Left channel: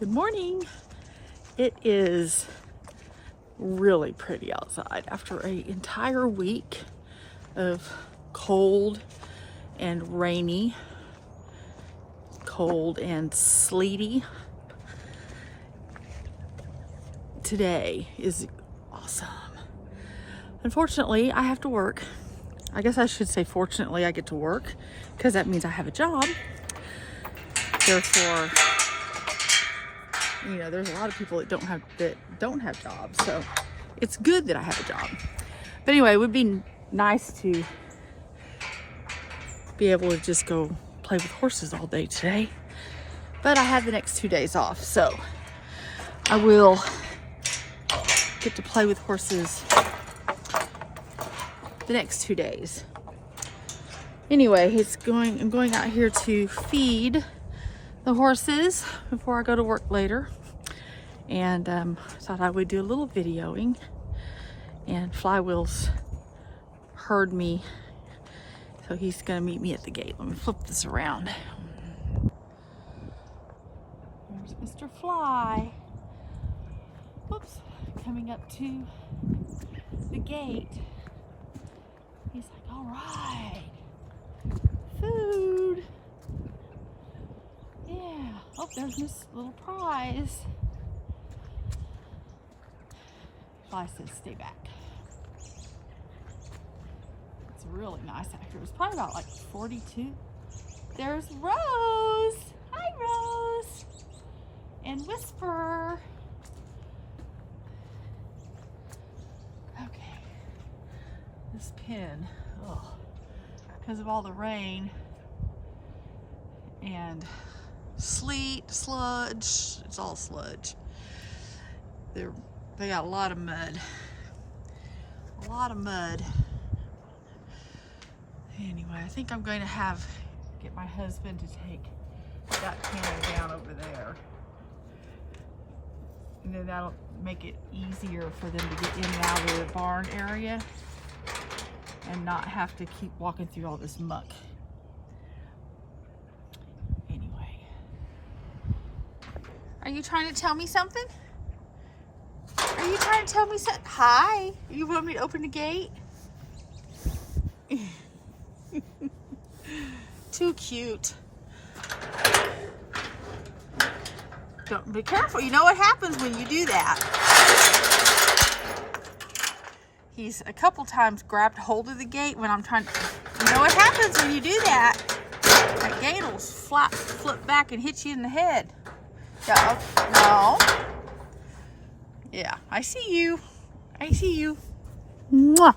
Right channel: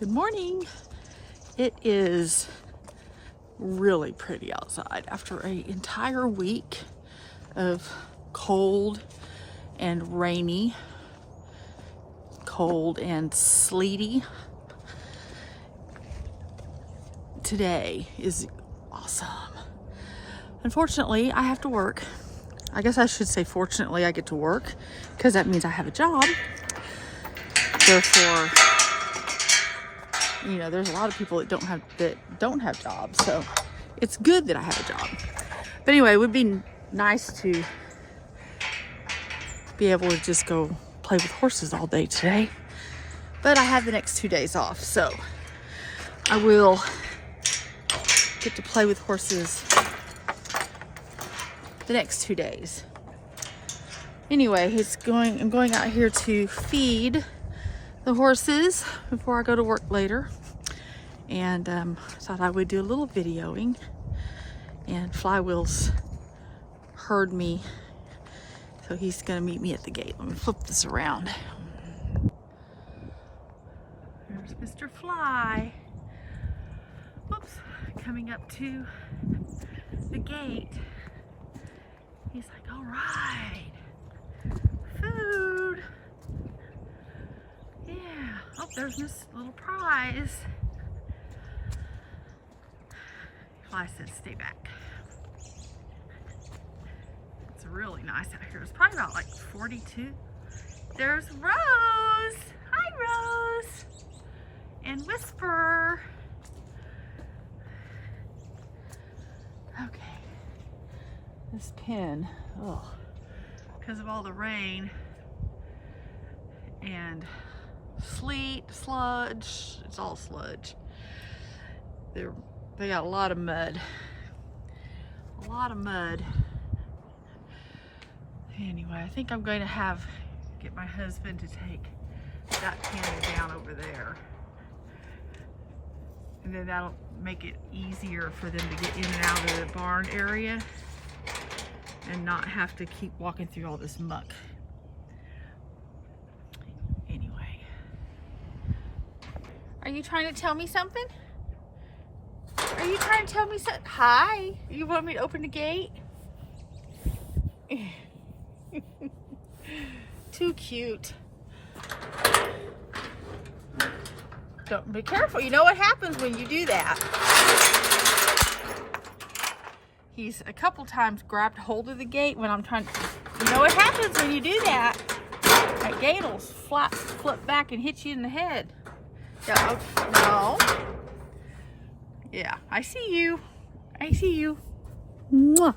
Good morning. It is really pretty outside after an entire week of cold and rainy, cold and sleety. Today is awesome. Unfortunately, I have to work. I guess I should say fortunately I get to work because that means I have a job. Therefore, you know, there's a lot of people that don't have jobs, so it's good that I have a job. But anyway, it would be nice to be able to just go play with horses all day today. But I have the next 2 days off, so I will get to play with horses the next 2 days. Anyway, I'm going out here to feed the horses before I go to work later, and thought I would do a little videoing. And Flywheels heard me, so he's gonna meet me at the gate. Let me flip this around. There's Mr. Fly. Oops, coming up to the gate. He's like, all right, food. Yeah. Oh, there's this little prize. Fly says, stay back. It's really nice out here. It's probably about like 42. There's Rose. Hi, Rose. And Whisper. Okay. This pen, oh, because of all the rain and sleet, sludge, it's all sludge. They got a lot of mud. Anyway, I think I'm going to get my husband to take that pen down over there. And then that'll make it easier for them to get in and out of the barn area and not have to keep walking through all this muck. Anyway. Are you trying to tell me something? Are you trying to tell me something? Hi. You want me to open the gate? Too cute. Don't be careful. You know what happens when you do that. He's a couple times grabbed hold of the gate when I'm trying to. You know what happens when you do that? That gate will flip back and hit you in the head. No. Yeah, I see you. Mwah.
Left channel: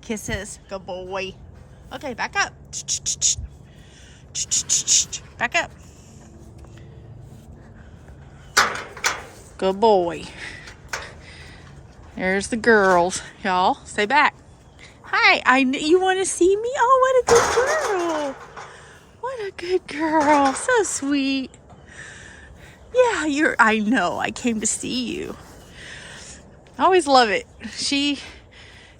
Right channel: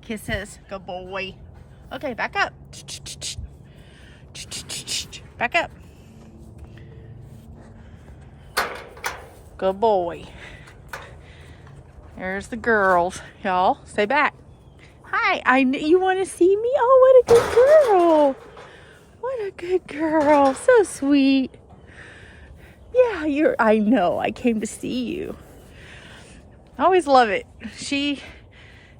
Kisses. Good boy. Okay, back up. Back up. Good boy. There's the girls. Y'all, stay back. Hi, you want to see me? Oh, what a good girl. What a good girl. So sweet. Yeah, I know. I came to see you. I always love it. She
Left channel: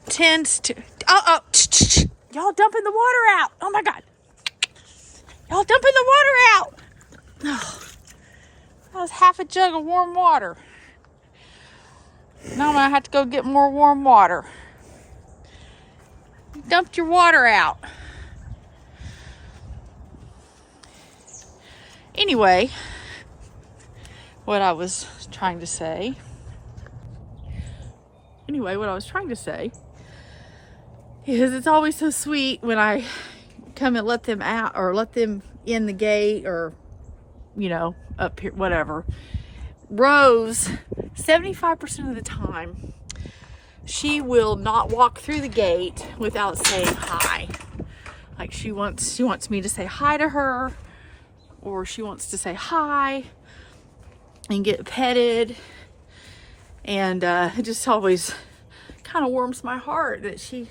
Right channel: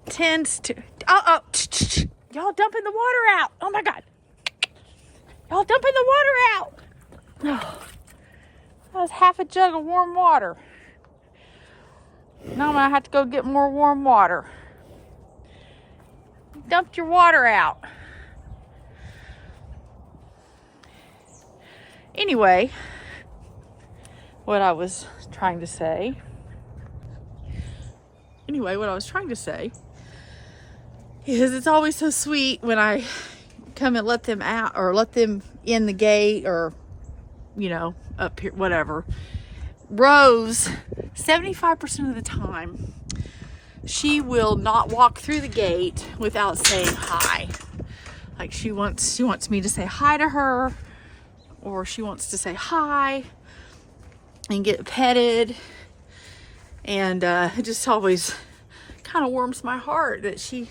tends to... Y'all dumping the water out. Oh, my God. Y'all dumping the water out. Oh, that was half a jug of warm water. Now I'm going to have to go get more warm water. You dumped your water out. Anyway, what I was trying to say is it's always so sweet when I come and let them out or let them in the gate or, you know, up here, whatever. Rose, 75% of the time, she will not walk through the gate without saying hi. Like she wants me to say hi to her, or she wants to say hi and get petted. And it just always kind of warms my heart that she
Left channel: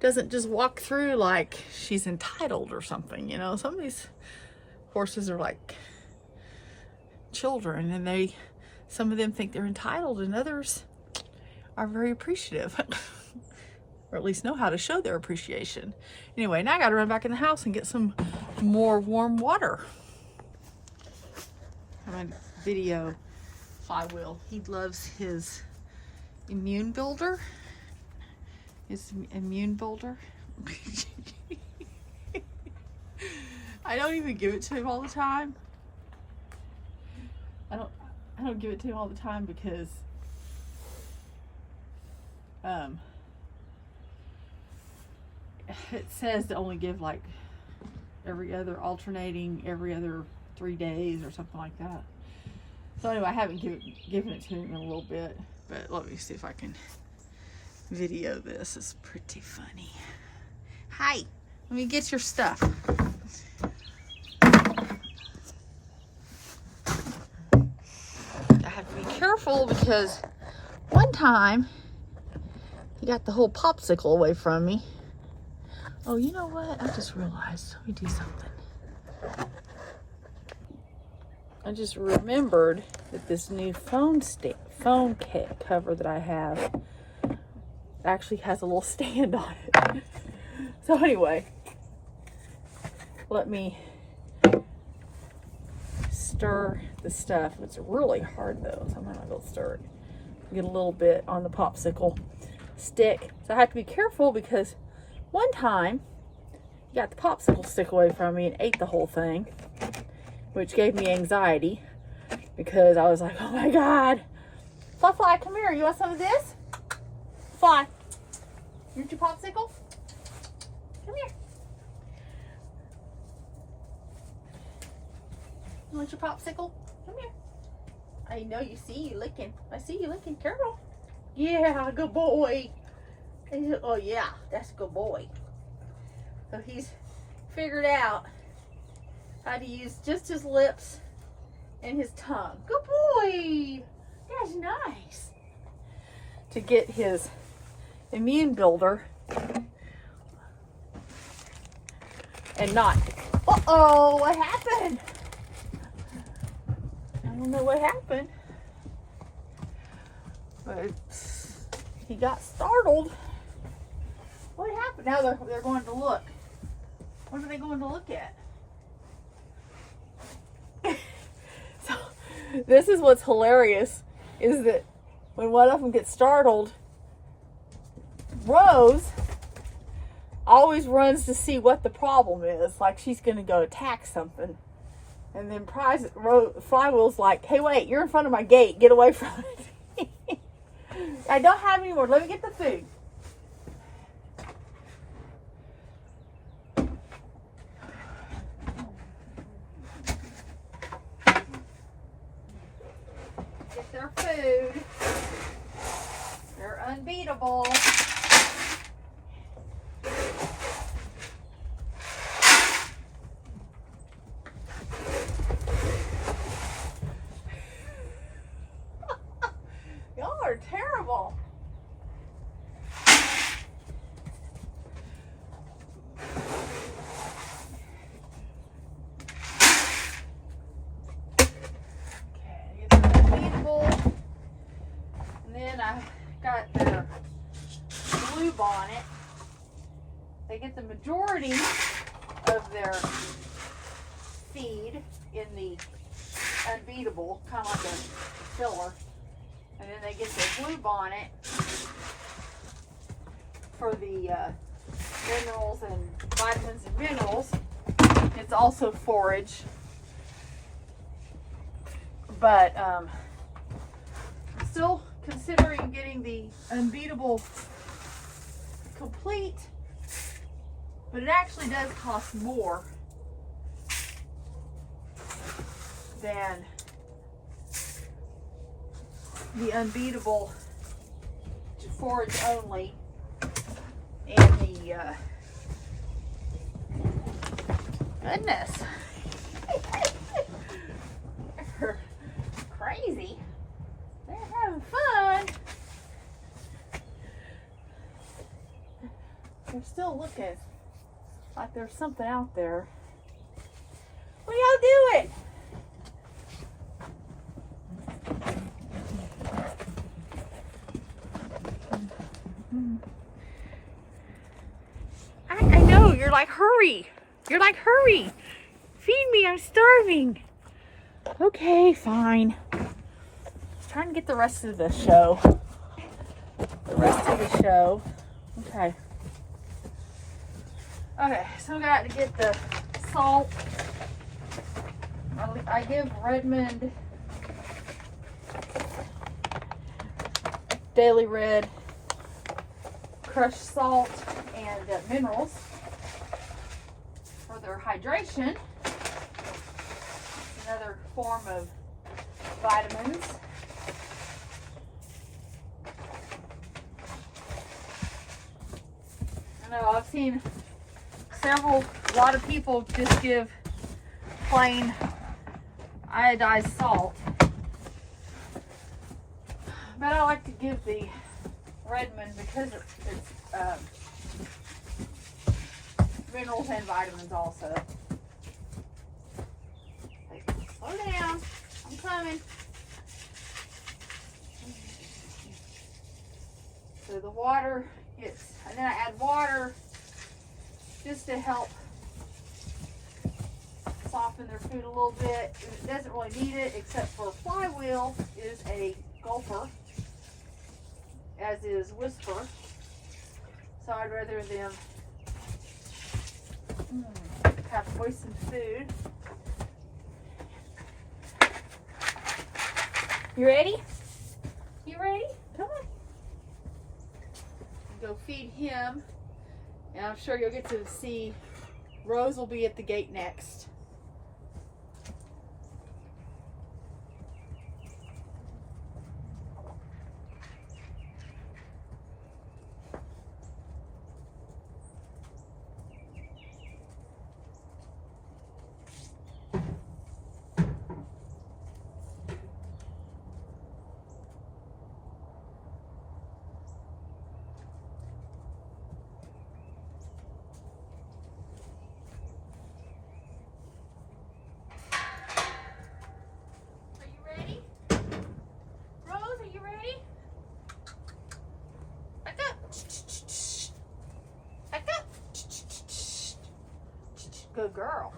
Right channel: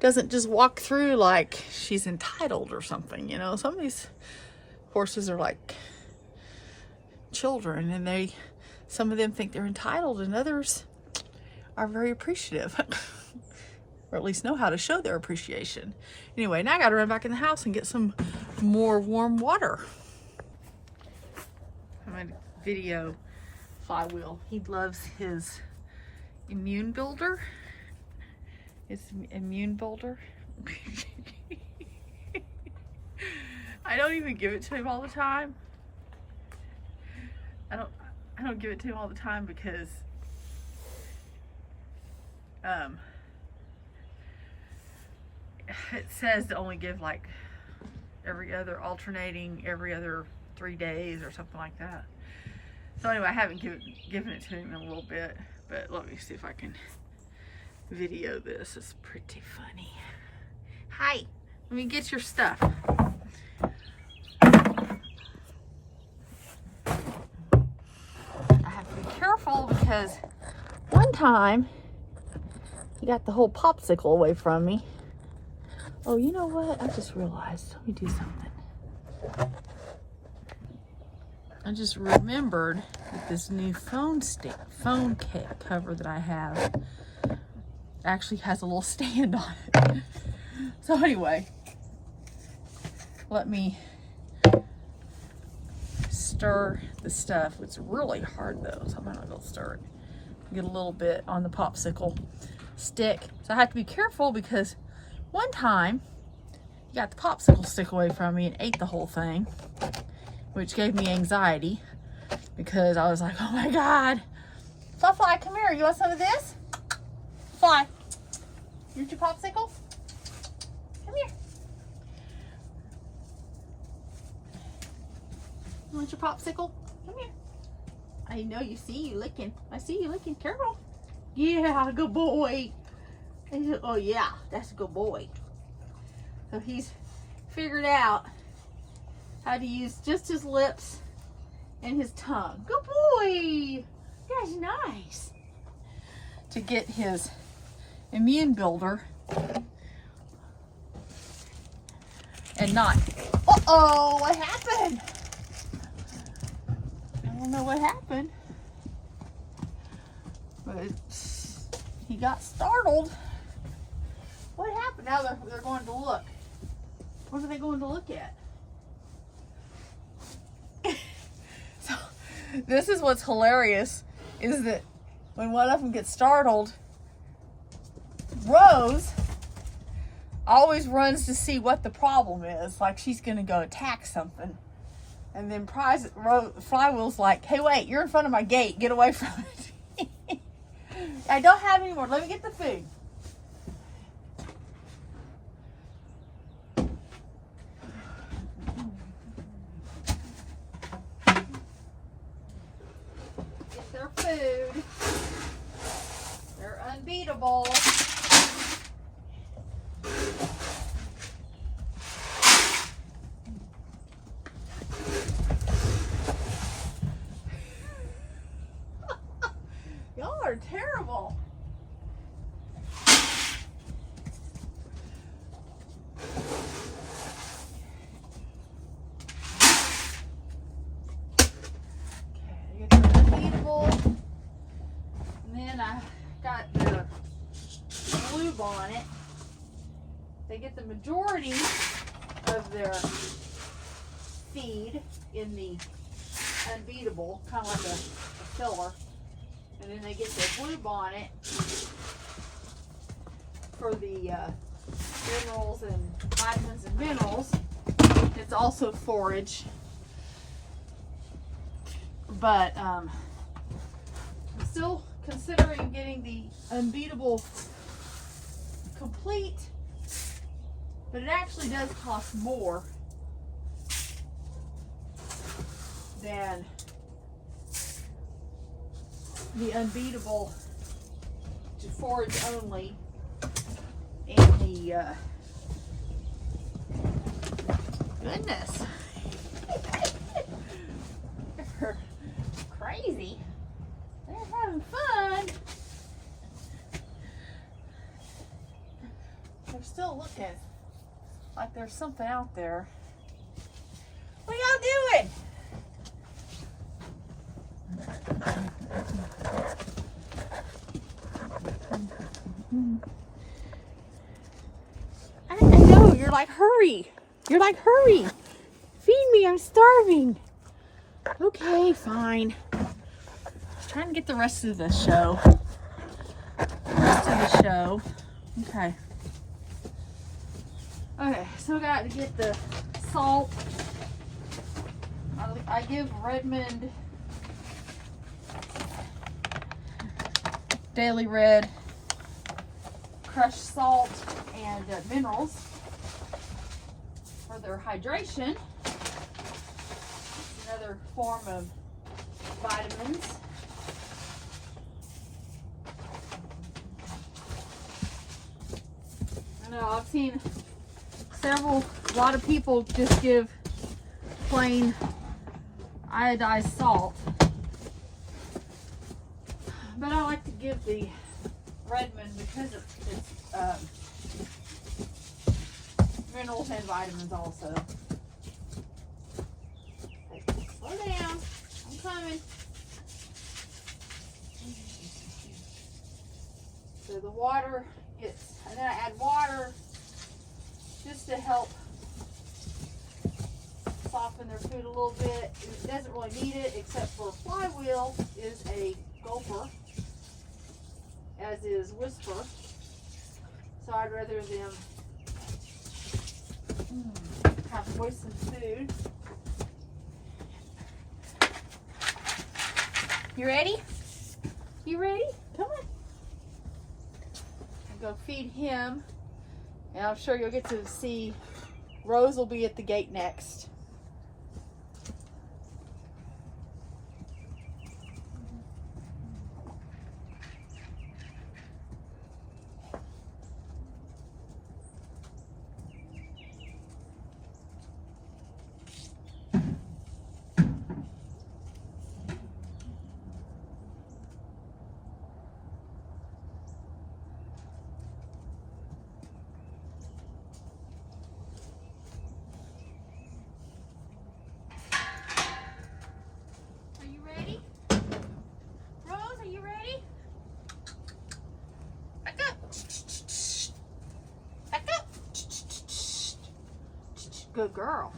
doesn't just walk through like she's entitled or something. You know, some of these horses are like children, and some of them think they're entitled, and others are very appreciative or at least know how to show their appreciation. Anyway, now I gotta run back in the house and get some more warm water. My trying to video Flywheel. He loves his immune builder. I don't even give it to him all the time. I don't give it to him all the time because it says to only give like alternating every other 3 days or something like that. So anyway, I haven't given it to him in a little bit, but let me see if I can video this. It's pretty funny. Hi, let me get your stuff. I have to be careful because one time he got the whole popsicle away from me. Oh, you know what? I just realized. Let me do something. I just remembered that this new phone cover that I have actually has a little stand on it. So anyway, let me stir the stuff. It's really hard though, so I might not be able to stir it. Get a little bit on the popsicle stick. So I have to be careful because one time he got the popsicle stick away from me and ate the whole thing, which gave me anxiety because I was like, oh my God. Fly, come here. You want some of this? Fly. You want your popsicle? Come here. You want your popsicle? Come here. I know you see you licking. I see you licking. Careful. Yeah, good boy. Oh yeah, that's a good boy. So he's figured out how to use just his lips and his tongue. Good boy. That's nice. To get his immune builder and not. Uh-oh, what happened? I don't know what happened. But he got startled. What happened? Now they're going to look. What are they going to look at? So this is what's hilarious is that when one of them gets startled, Rose always runs to see what the problem is. Like she's going to go attack something. And then Flywheel's like, hey, wait, you're in front of my gate. Get away from it. I don't have any more. Let me get the food. Get their food. They're unbeatable. Y'all are terrible. Got their lube on it. They get the majority of their feed in the unbeatable, kind of like a filler. And then they get the lube on it for the minerals and vitamins and minerals. It's also forage. But I'm still considering getting the unbeatable complete, but it actually does cost more than the unbeatable forage only in the goodness. They're crazy. Fun. They're still looking like there's something out there. What are y'all doing? I know, you're like, hurry. You're like, hurry. Feed me, I'm starving. Okay, fine. I was trying to get the rest of the show. Okay. Okay, so I got to get the salt. I give Redmond Daily Red crushed salt and minerals for their hydration. Another form of vitamins. I know I've seen a lot of people just give plain iodized salt, but I like to give the Redmond because it's minerals and vitamins also. Slow down, I'm coming. So the water gets, and then I add water just to help soften their food a little bit. It doesn't really need it, except for Flywheel is a gulper, as is Whisper. So I'd rather them have moistened food. You ready? You ready? Come on. I'll go feed him. And I'm sure you'll get to see Rose will be at the gate next. Good girl.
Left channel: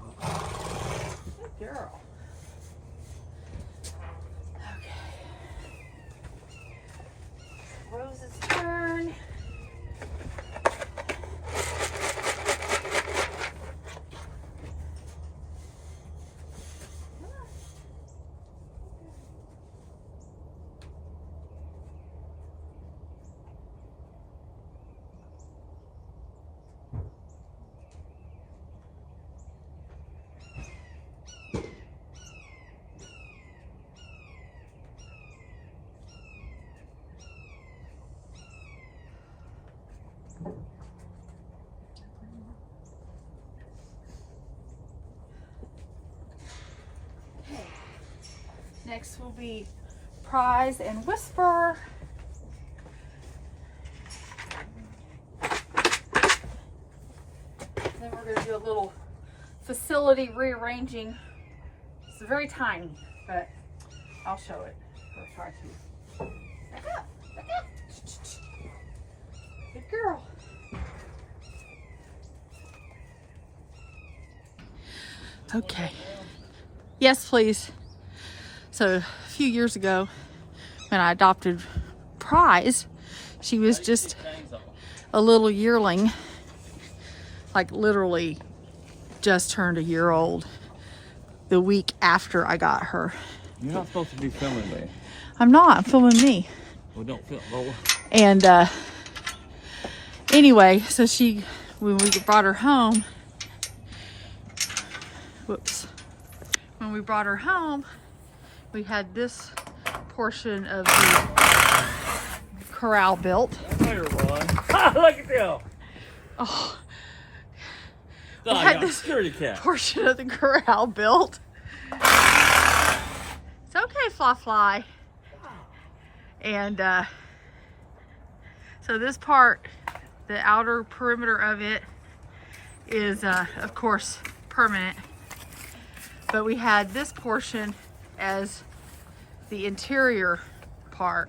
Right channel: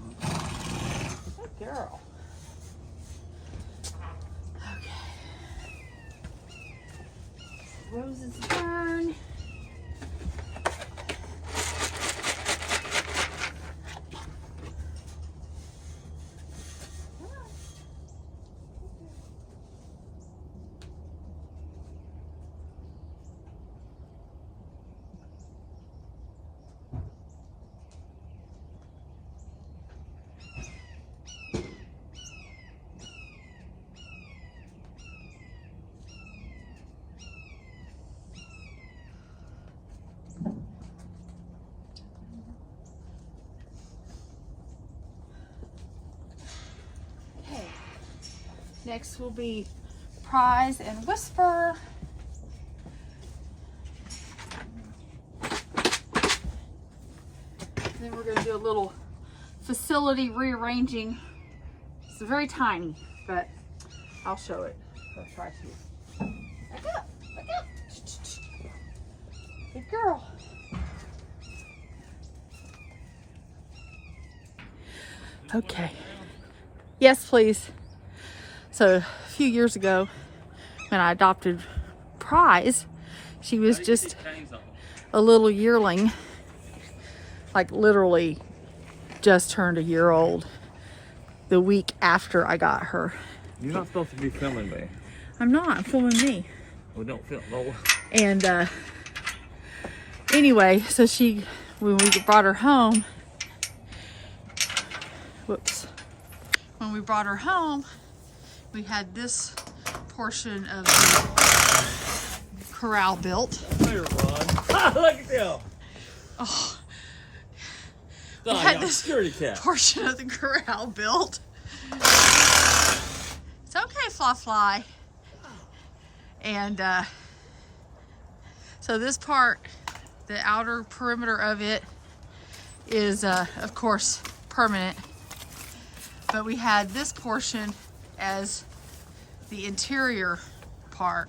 Good girl. Okay. Rose's turn. Next will be Prize and Whisper. Then we're going to do a little facility rearranging. It's very tiny, but I'll show it. I'll try to. Back up, back up. Good girl. Okay. Yes, please. So a few years ago, when I adopted Prize, she was just a little yearling, like literally just turned a year old the week after I got her. You're not supposed to be filming me. I'm not, I'm filming me. We don't film. Well, and anyway, so when we brought her home, when we brought her home, we had this portion of the corral built. Here, Ron. Look at them. Oh, we had this portion of the corral built. It's okay, Fly. And so this part, the outer perimeter of it is, of course, permanent. But we had this portion as the interior part,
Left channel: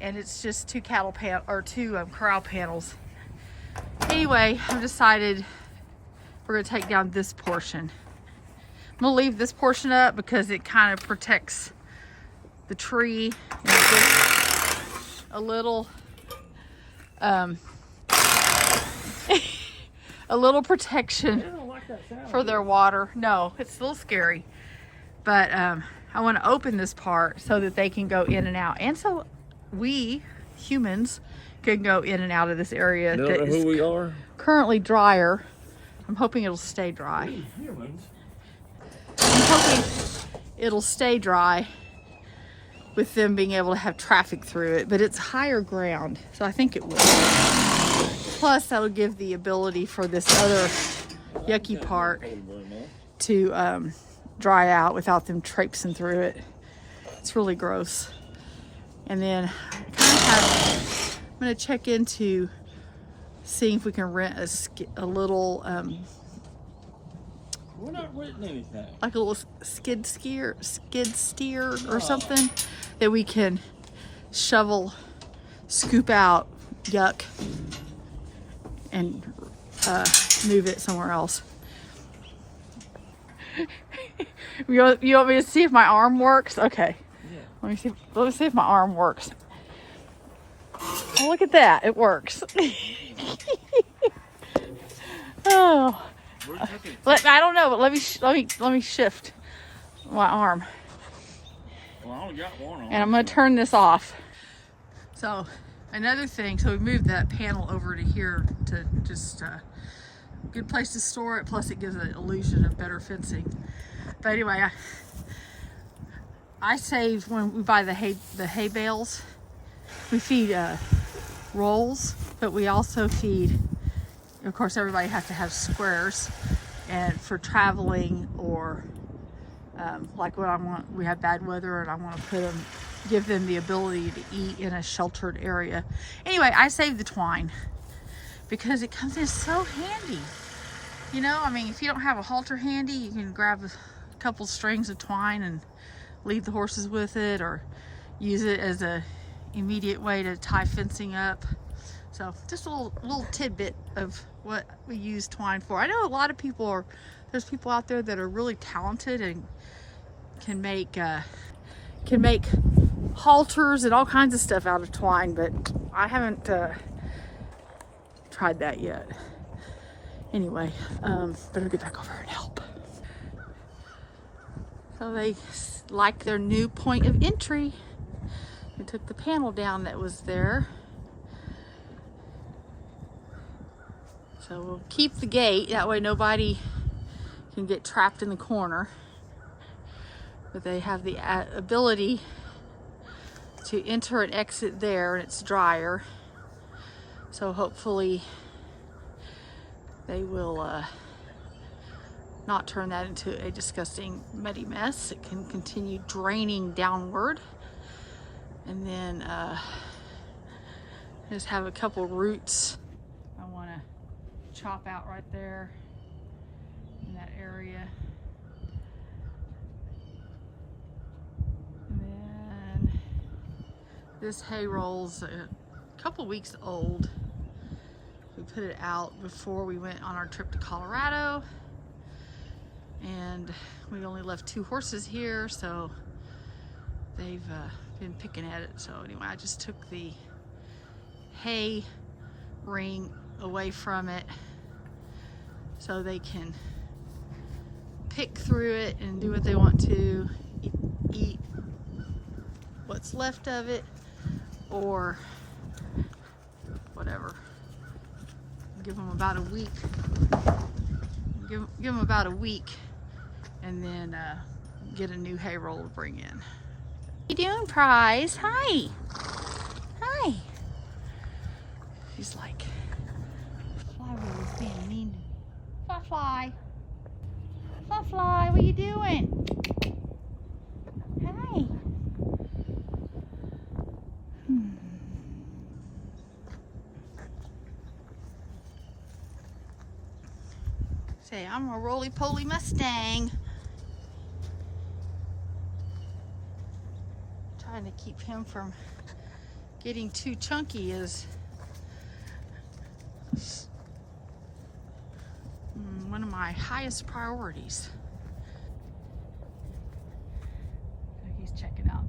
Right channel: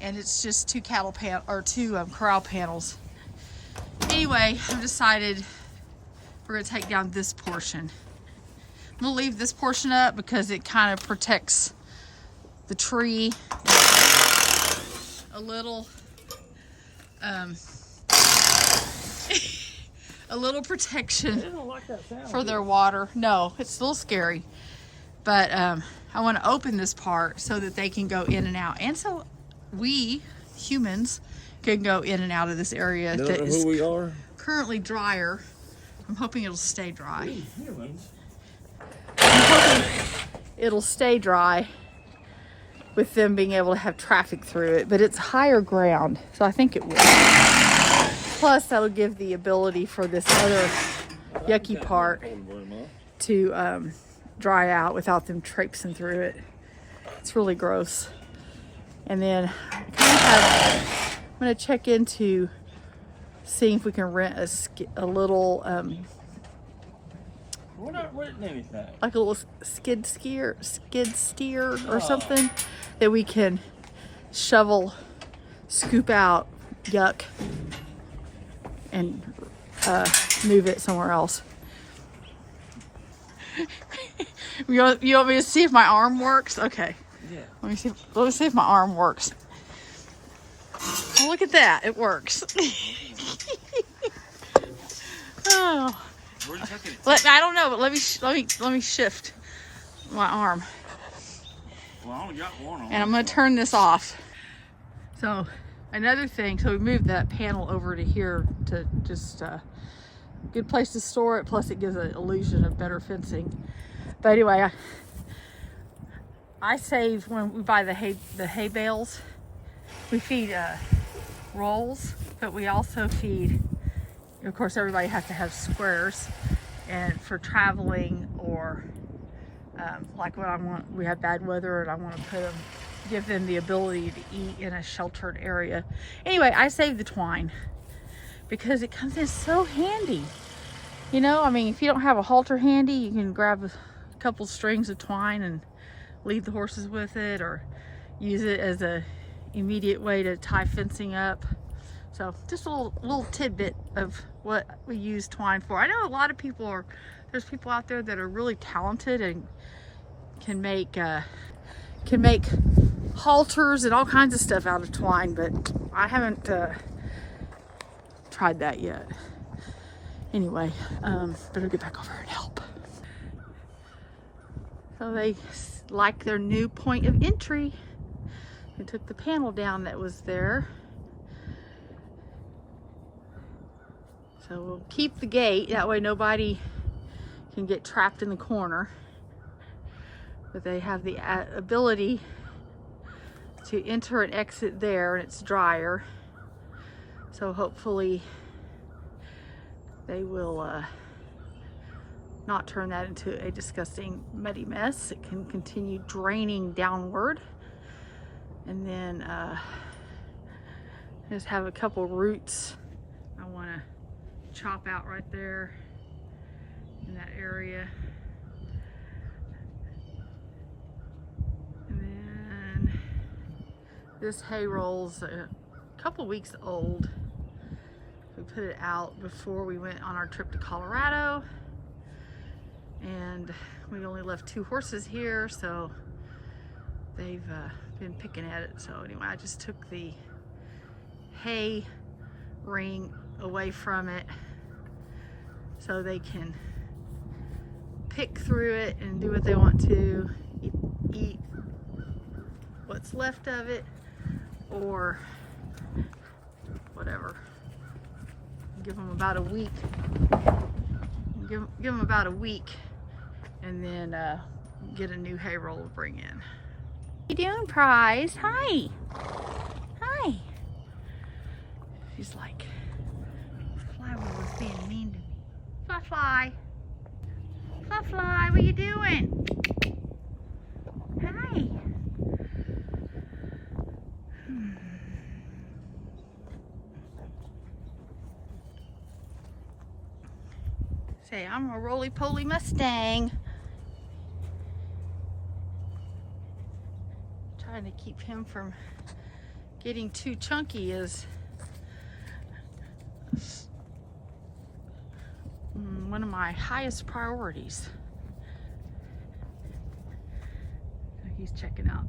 and it's just two corral panels. Anyway, I've decided we're going to take down this portion. gonna leave this portion up because it kind of protects the tree and gives a little a little protection for their water. No, it's a little scary, but I want to open this part so that they can go in and out, and so we humans can go in and out of this area that is currently drier. I'm hoping it'll stay dry. I'm hoping it'll stay dry with them being able to have traffic through it, but it's higher ground, so I think it will. Plus, that'll give the ability for this other yucky part to dry out without them traipsing through it. It's really gross. And then I kind of have, I'm gonna check into seeing if we can rent a little, we're not renting anything. like a little skid steer or something that we can shovel, scoop out yuck, and move it somewhere else. You want me to see if my arm works? Okay. Yeah. Let me see if my arm works. Oh, look at that. It works. Oh. I don't know, but let me shift my arm. Well, I only got one on. And I'm gonna turn this off. So another thing, so we moved that panel over to here to just good place to store it, plus it gives an illusion of better fencing. But anyway, I save when we buy the hay bales. We feed rolls, but we also feed, of course, everybody has to have squares, and for traveling or like when I want, we have bad weather and I want to give them the ability to eat in a sheltered area. Anyway, I save the twine because it comes in so handy. You know, I mean, if you don't have a halter handy, you can grab a couple strings of twine and lead the horses with it, or use it as a immediate way to tie fencing up. So just a little tidbit of what we use twine for. I know a lot of people there's people out there that are really talented and can make halters and all kinds of stuff out of twine, but I haven't tried that yet. Anyway, better get back over and help. So they like their new point of entry. We took the panel down that was there. So we'll keep the gate, that way nobody can get trapped in the corner. But they have the ability to enter and exit there, and it's drier. So hopefully they will not turn that into a disgusting muddy mess. It can continue draining downward. And then just have a couple roots I want to chop out right there in that area. And then this hay roll's a couple weeks old. We put it out before we went on our trip to Colorado, and we only left 2 horses here, so they've been picking at it. So anyway, I just took the hay ring away from it so they can pick through it and do what they want to, eat what's left of it or whatever. Give them about a week. Give them about a week, and then get a new hay roll to bring in. What you doing, Prize? Hi. Hi. She's like, Fly was being mean to me. Fly, Fly. Fly, Fly, what you doing? Hi. Say, I'm a roly-poly Mustang. Trying to keep him from getting too chunky is one of my highest priorities. She's checking out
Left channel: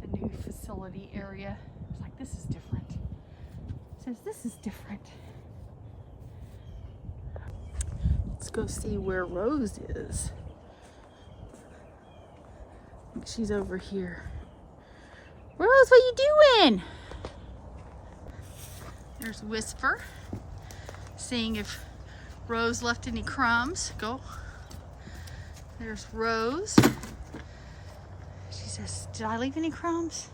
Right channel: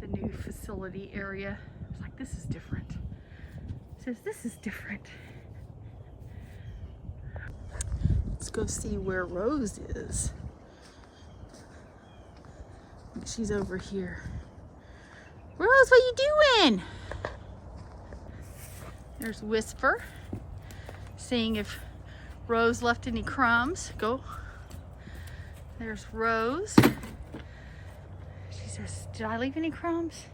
the new facility area. It's like, this is different. Says, this is different. Let's go see where Rose is. I think she's over here. Rose, what you doing? There's Whisper, seeing if Rose left any crumbs. Go. There's Rose. She says, did I leave any crumbs?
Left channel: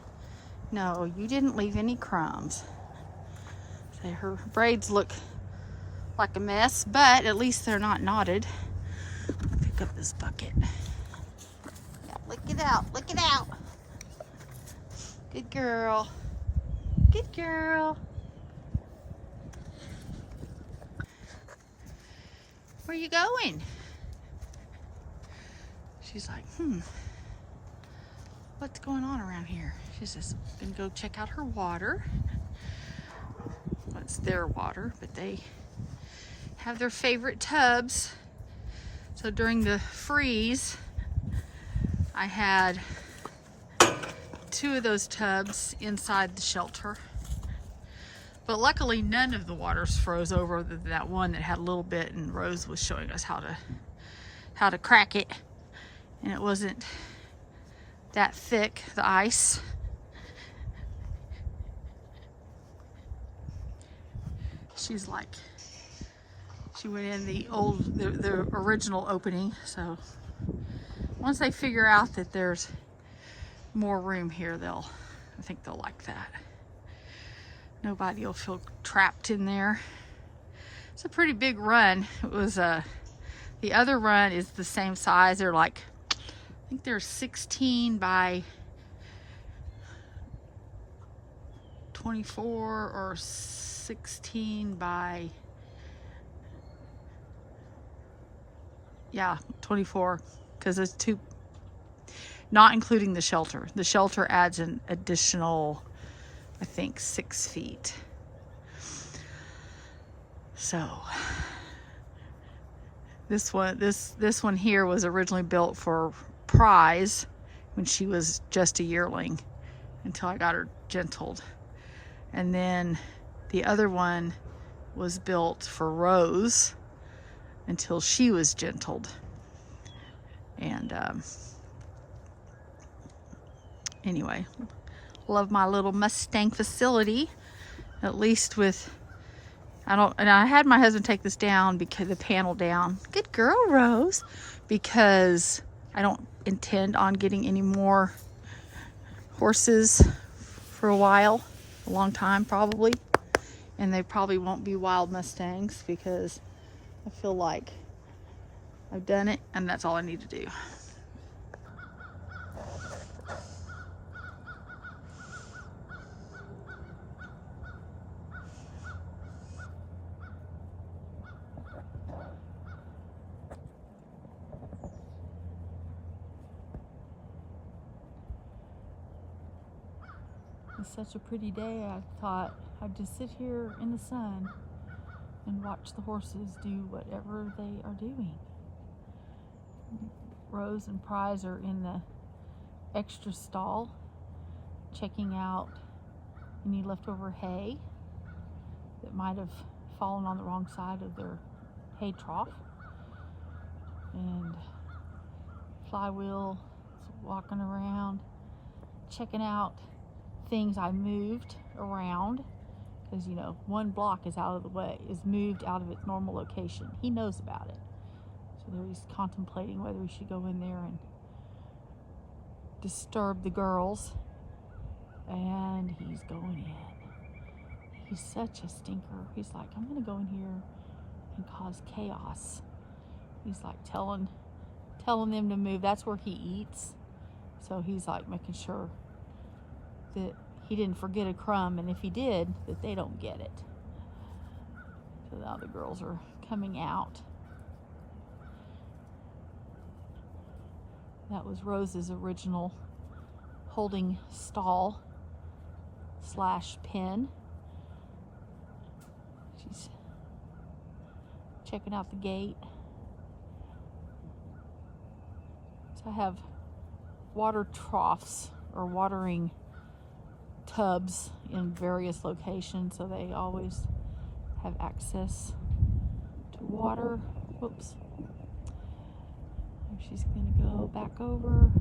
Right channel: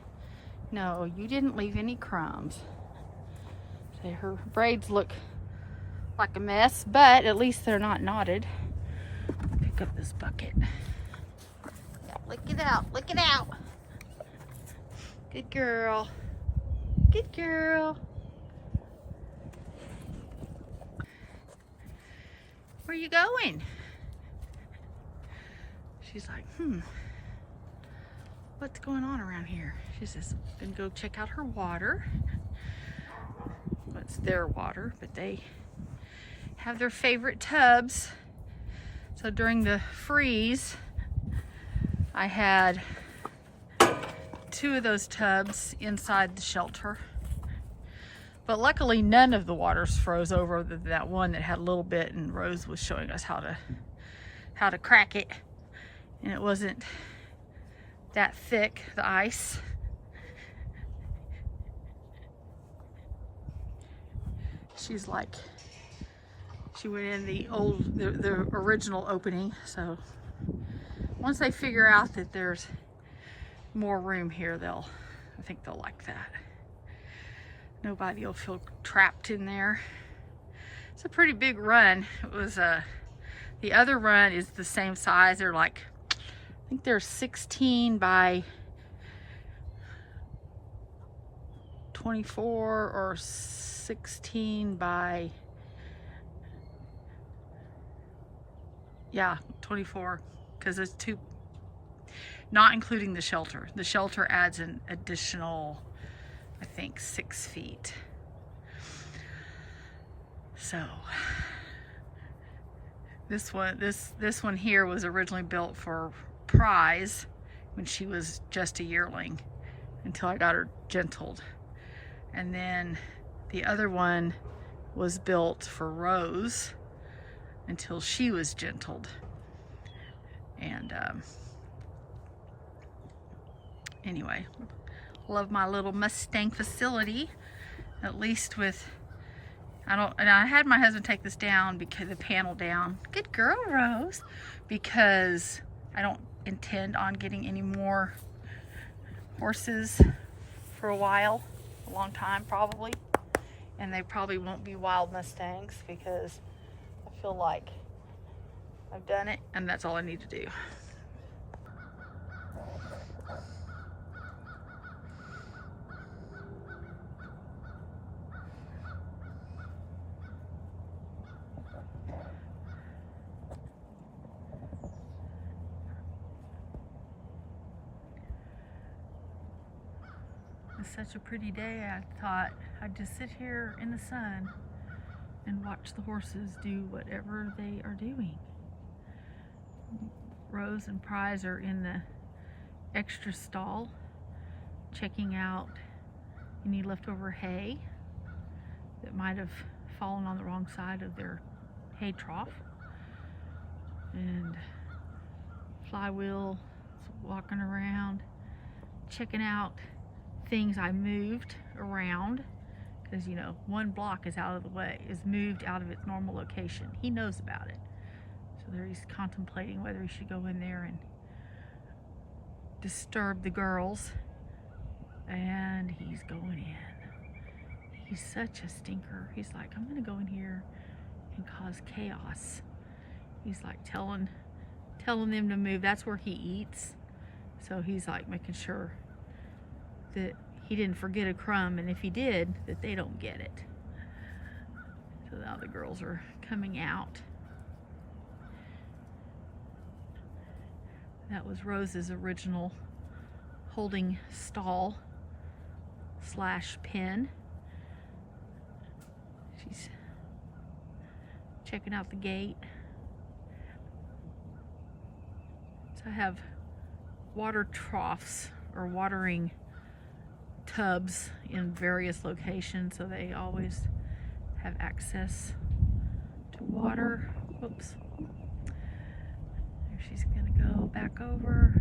No, you didn't leave any crumbs. So her braids look like a mess, but at least they're not knotted. Pick up this bucket. Look it out, look it out. Good girl. Good girl. Where you going? She's like, what's going on around here? She's just gonna go check out her water. Well, it's their water, but they have their favorite tubs. So during the freeze, I had 2 of those tubs inside the shelter. But luckily none of the waters froze over than that one that had a little bit, and Rose was showing us how to crack it. And it wasn't that thick, the ice. She's like, she went in the original opening. So once they figure out that there's more room here, I think they'll like that. Nobody will feel trapped in there. It's a pretty big run. It was the other run is the same size. They're like, I think they're 16 by 24 or 16 by, yeah, 24, because it's 2, not including the shelter. The shelter adds an additional, I think, 6 feet. So this one here was originally built for Prize when she was just a yearling, until I got her gentled. And then the other one was built for Rose until she was gentled. And anyway, love my little Mustang facility. At least with, and I had my husband take this down, because the panel down. Good girl, Rose. Because I don't intend on getting any more horses for a while, a long time probably. And they probably won't be wild Mustangs, because I feel like I've done it and that's all I need to do. It's such a pretty day. I thought I'd just sit here in the sun and watch the horses do whatever they are doing. Rose and Prize are in the extra stall checking out any leftover hay that might have fallen on the wrong side of their hay trough. And Flywheel is walking around checking out things I moved around, because, you know, one block is out of the way, is moved out of its normal location. He knows about it. So there he's contemplating whether he should go in there and disturb the girls. And he's going in. He's such a stinker. He's like, I'm gonna go in here and cause chaos. He's like telling them to move. That's where he eats. So he's like making sure that he didn't forget a crumb, and if he did, that they don't get it. So now the girls are coming out. That was Rose's original holding stall / pen. She's checking out the gate. So I have water troughs or watering tubs in various locations, so they always have access to water. Whoops. There she's gonna go back over.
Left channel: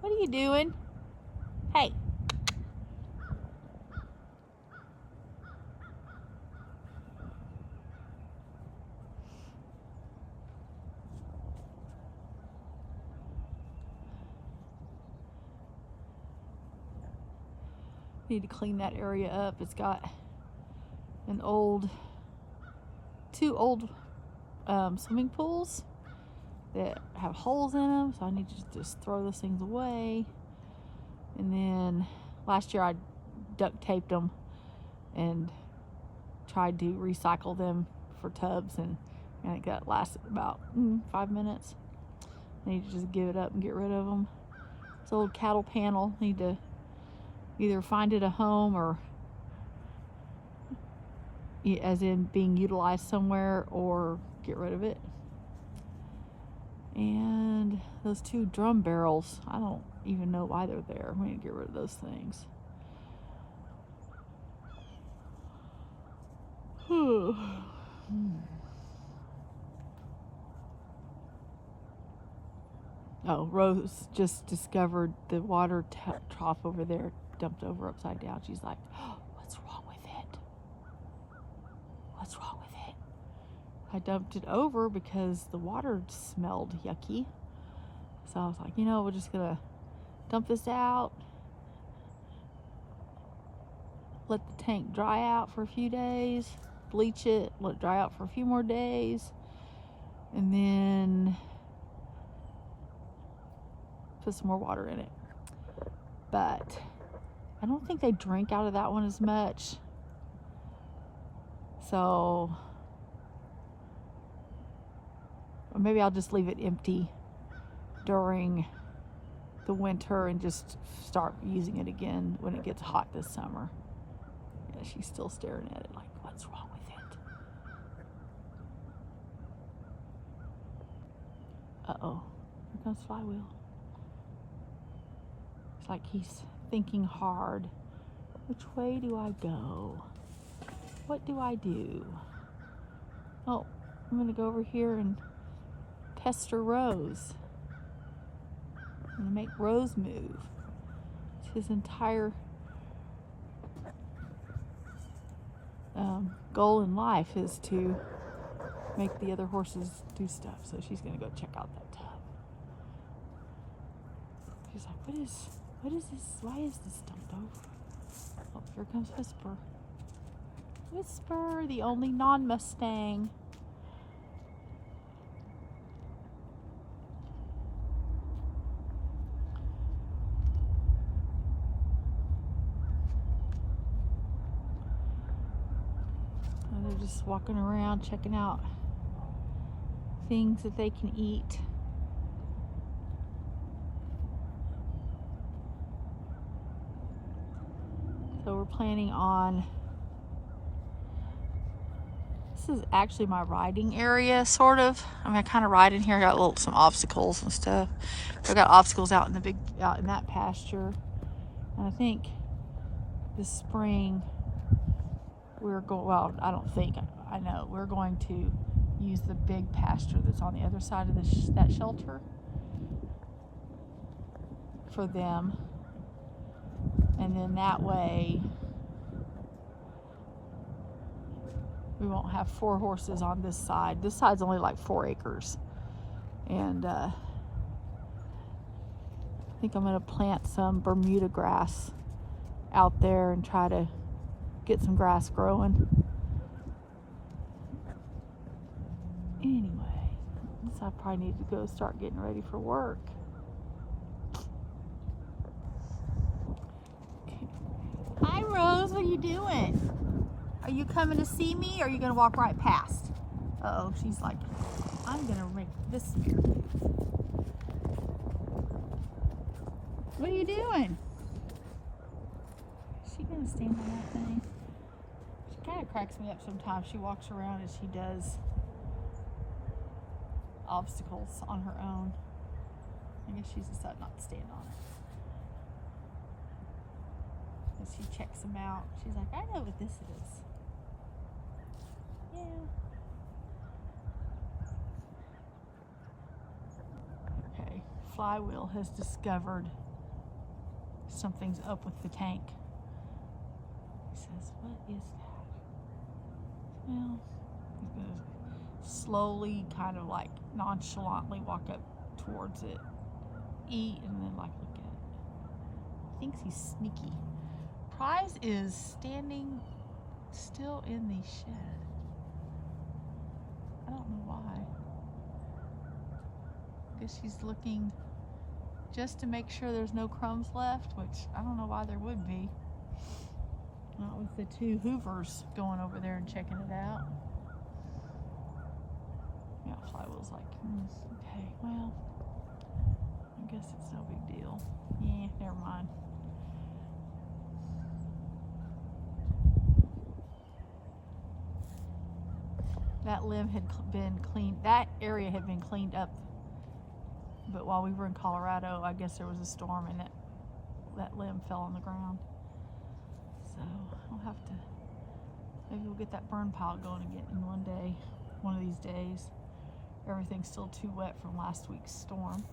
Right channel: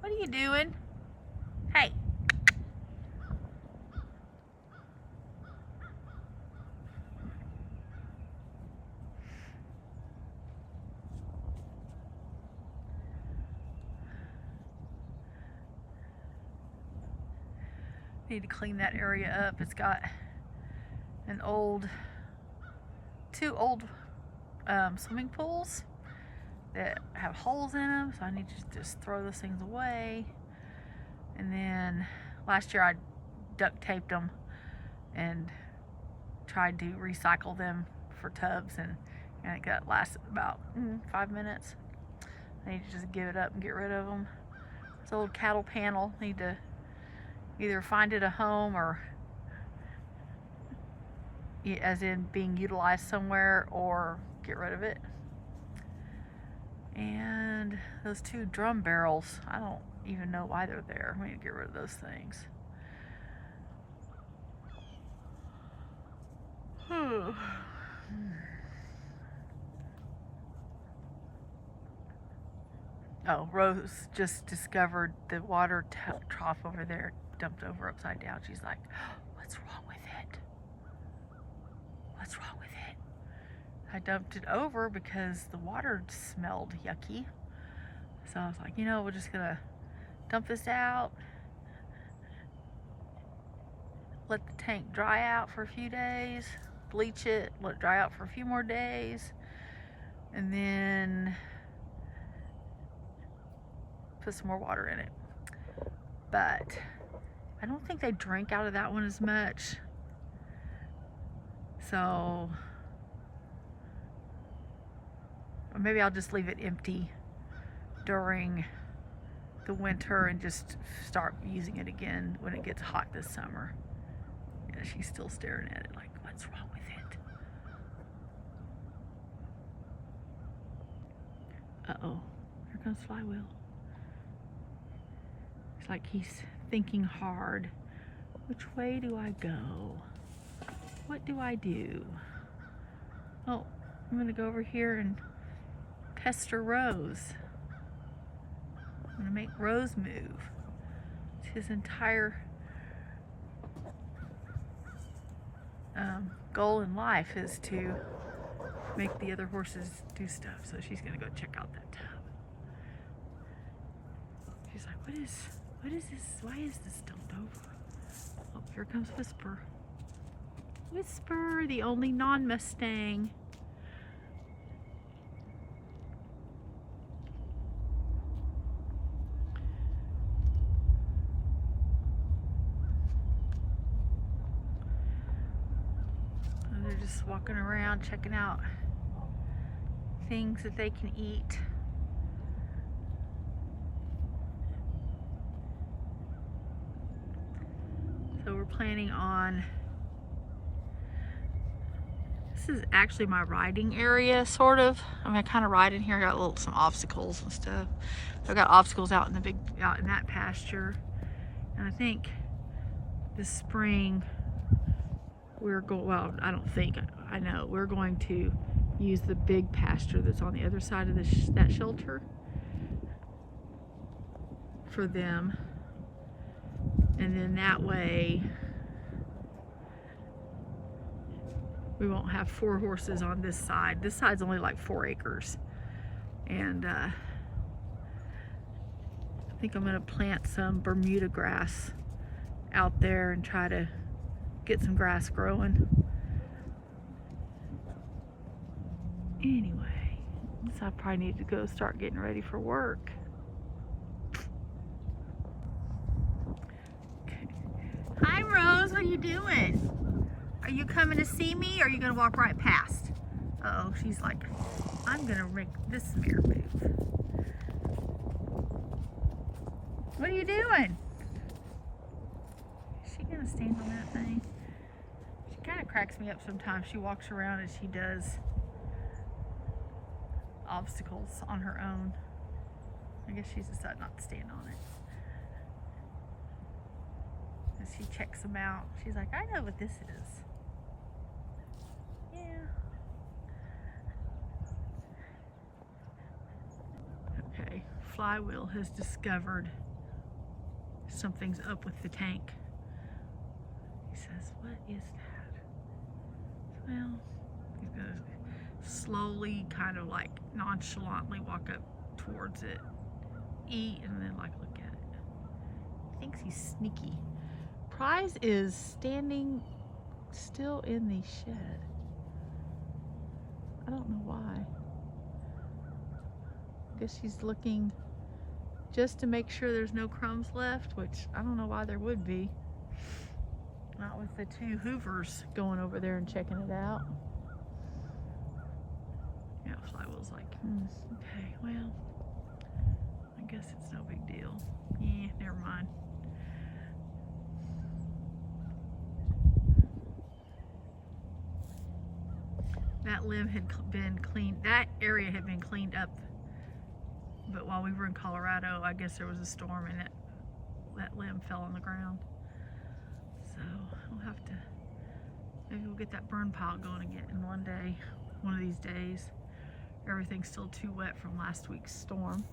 What are you doing? Hey. Need to clean that area up. It's got two old swimming pools that have holes in them, so I need to just throw those things away. And then last year I duct taped them and tried to recycle them for tubs, and I think that lasted about 5 minutes. I need to just give it up and get rid of them. This old cattle panel, need to either find it a home, or as in being utilized somewhere, or get rid of it. And those two drum barrels, I don't even know why they're there. We need to get rid of those things. Oh, Rose just discovered the water trough over there dumped over upside down. She's like, what's wrong with it? What's wrong with it? I dumped it over because the water smelled yucky. So I was like, we're just gonna dump this out, let the tank dry out for a few days, bleach it, let it dry out for a few more days, and then put some more water in it. But I don't think they drink out of that one as much. So, or maybe I'll just leave it empty during the winter and just start using it again when it gets hot this summer. Yeah, she's still staring at it like, what's wrong with it? Uh-oh, here comes Flywheel. It's like he's thinking hard. Which way do I go? What do I do? Oh, I'm gonna go over here and pester Rose. I'm gonna make Rose move. It's his entire goal in life is to make the other horses do stuff. So she's gonna go check out that tub. She's like, what is this? Why is this dumped over? Oh, here comes Whisper. Whisper, the only non-Mustang. They're just walking around checking out things that they can eat. So we're planning on, this is actually my riding area, sort of. I mean, I kind of ride in here. I got some obstacles and stuff. I've got obstacles out in that pasture. And I think this spring we're going, well, I don't think, I know, we're going to use the big pasture that's on the other side of that shelter for them. And then that way we won't have 4 horses on this side. This side's only like 4 acres. And I think I'm gonna plant some Bermuda grass out there and try to get some grass growing. Anyway, so I probably need to go start getting ready for work. Okay. Hi Rose, what are you doing? Are you coming to see me, or are you gonna walk right past? Uh-oh, she's like, I'm gonna make this mare move. What are you doing? Is she gonna stand on that thing? She kind of cracks me up sometimes. She walks around and she does obstacles on her own. I guess she's decided not to stand on it. As she checks them out, she's like, I know what this is. Yeah. Okay, Flywheel has discovered something's up with the tank. He says, what is that? Well, he's gonna slowly, kind of like nonchalantly walk up towards it, eat, and then like look at it. He thinks he's sneaky. Prize is standing still in the shed. I don't know why. I guess she's looking just to make sure there's no crumbs left, which I don't know why there would be. Not with the two Hoovers going over there and checking it out. Yeah, Flywheel's like, okay, well, I guess it's no big deal. Yeah, never mind. That limb had been cleaned, that area had been cleaned up, but while we were in Colorado, I guess there was a storm and that limb fell on the ground. So we'll have to, maybe we'll get that burn pile going again in one of these days. Everything's still too wet from last week's storm.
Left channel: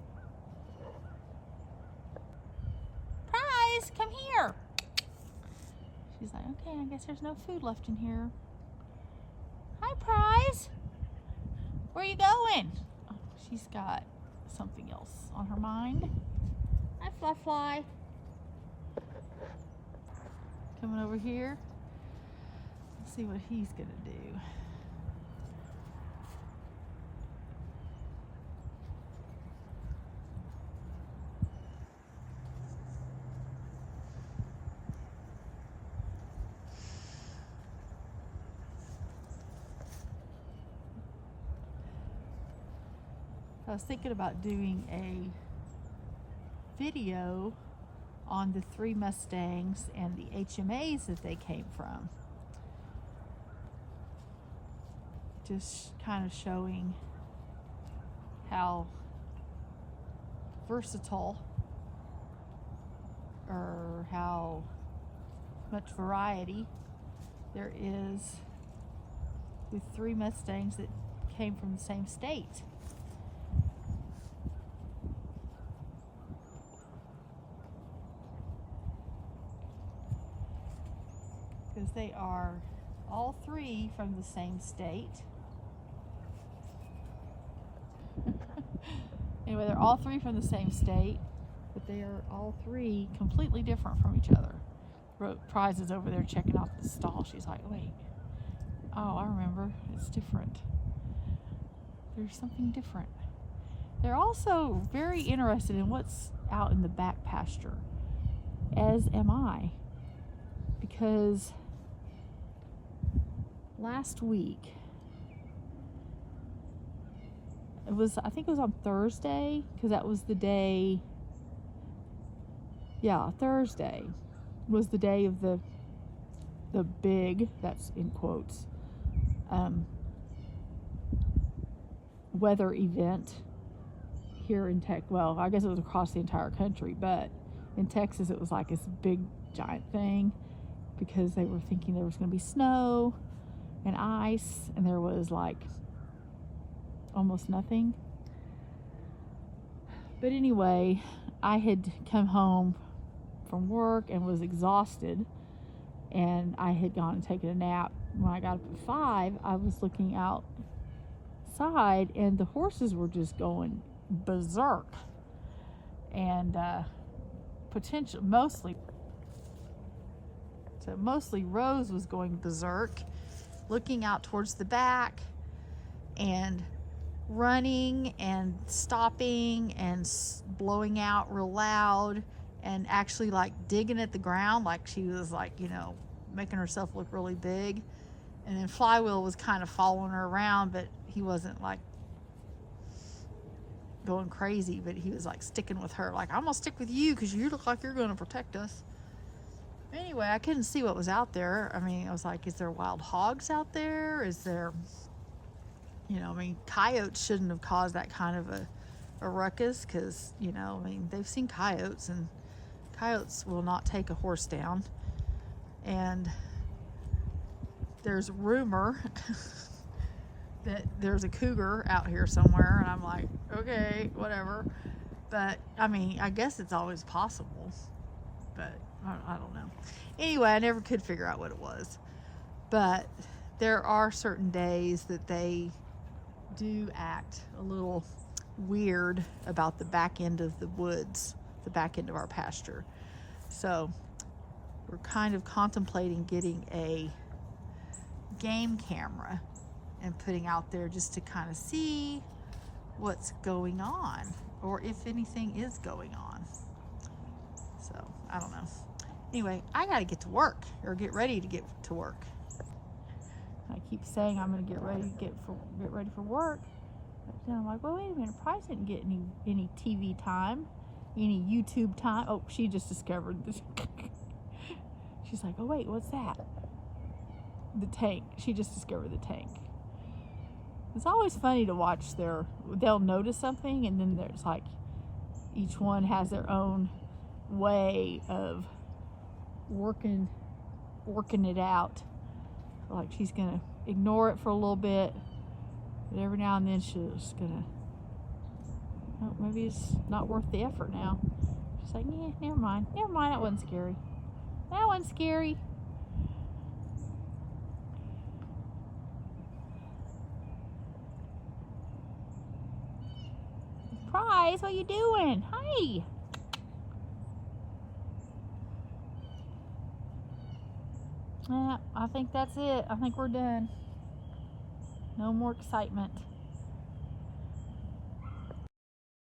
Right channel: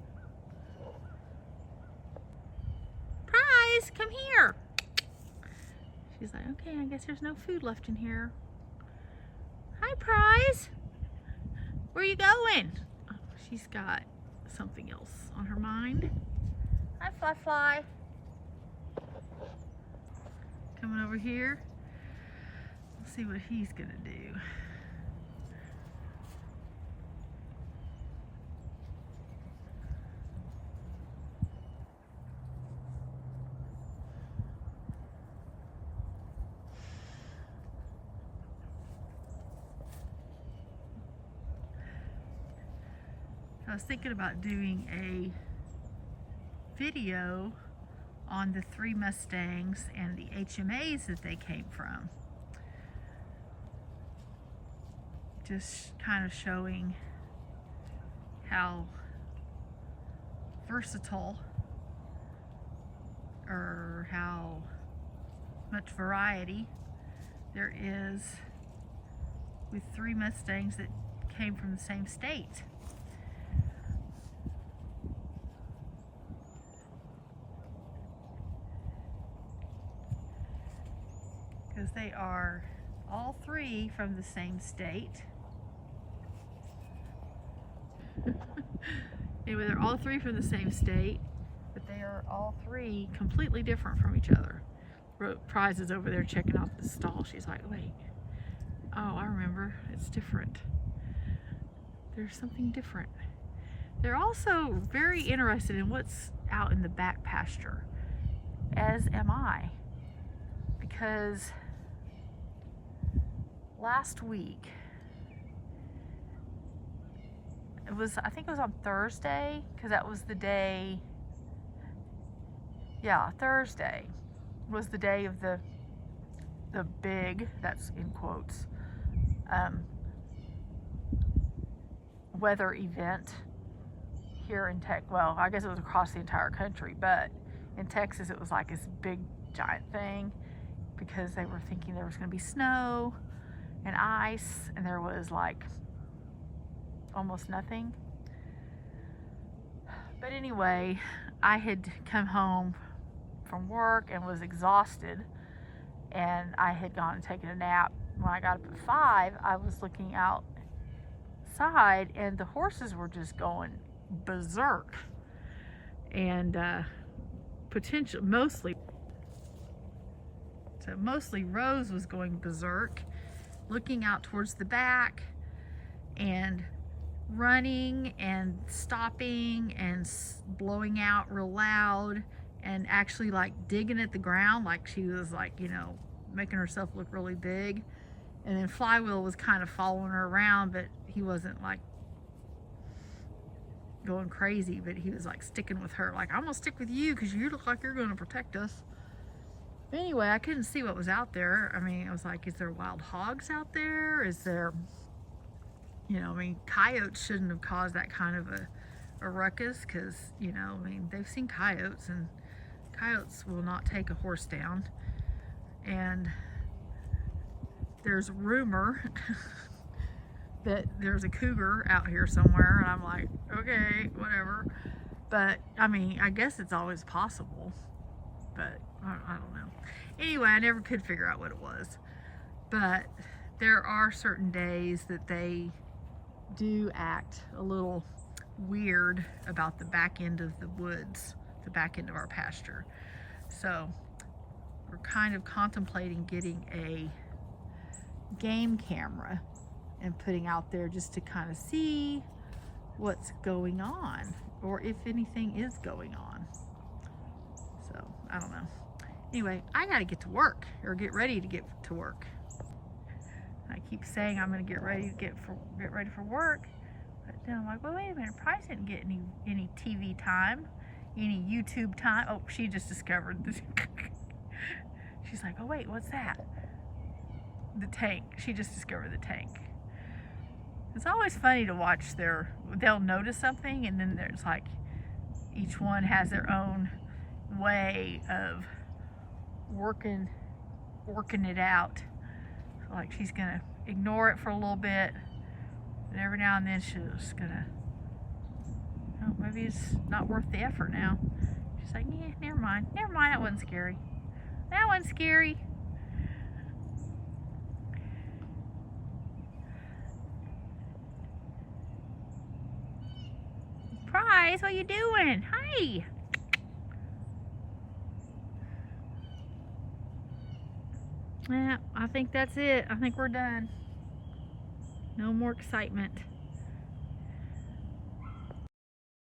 Prize, come here. She's like, okay, I guess there's no food left in here. Hi, Prize. Where are you going? Oh, she's got something else on her mind. Hi, Fly Fly. Coming over here. Let's see what he's gonna do. I was thinking about doing a video on the 3 Mustangs and the HMAs that they came from. Just kind of showing how versatile or how much variety there is with 3 Mustangs that came from the same state. Because they are all 3 from the same state. Anyway, they're all 3 from the same state, but they are all 3 completely different from each other. Prize is over there checking out the stall. She's like, wait, oh, I remember, it's different. There's something different. They're also very interested in what's out in the back pasture, as am I, because last week, I think it was on Thursday, because that was the day, yeah, Thursday was the day of the big, that's in quotes, weather event here in Texas. Well, I guess it was across the entire country, but in Texas it was like this big giant thing because they were thinking there was going to be snow and ice, and there was like almost nothing. But anyway, I had come home from work and was exhausted, and I had gone and taken a nap. When I got up at 5, I was looking outside and the horses were just going berserk, and mostly Rose was going berserk, looking out towards the back and running and stopping and blowing out real loud and actually like digging at the ground, like she was like, you know, making herself look really big. And then Flywheel was kind of following her around, but he wasn't like going crazy, but he was like sticking with her, like, I'm gonna stick with you because you look like you're going to protect us. But anyway, I couldn't see what was out there. I mean, I was like, is there wild hogs out there? Is there you know, I mean, coyotes shouldn't have caused that kind of a ruckus, because, you know, I mean, they've seen coyotes, and coyotes will not take a horse down. And there's rumor that there's a cougar out here somewhere, and I'm like, okay, whatever. But I mean, I guess it's always possible, but I don't know. Anyway, I never could figure out what it was. But there are certain days that they do act a little weird about the back end of the woods, the back end of our pasture. So we're kind of contemplating getting a game camera and putting out there just to kind of see what's going on, or if anything is going on. So I don't know. Anyway, I gotta get to work, or get ready to get to work. I keep saying I'm gonna get ready to get ready for work, but then I'm like, well, wait a minute, Price didn't get any TV time, any YouTube time. Oh, she just discovered this. She's like, oh wait, what's that? The tank. She just discovered the tank. It's always funny to watch they'll notice something, and then there's like, each one has their own way of working it out. So like, she's gonna ignore it for a little bit, but every now and then she's gonna, oh, maybe it's not worth the effort now. She's like, yeah, never mind, that wasn't scary. That wasn't scary. Price, what you doing? Hey. Yeah, I think that's it. I think we're done. No more excitement.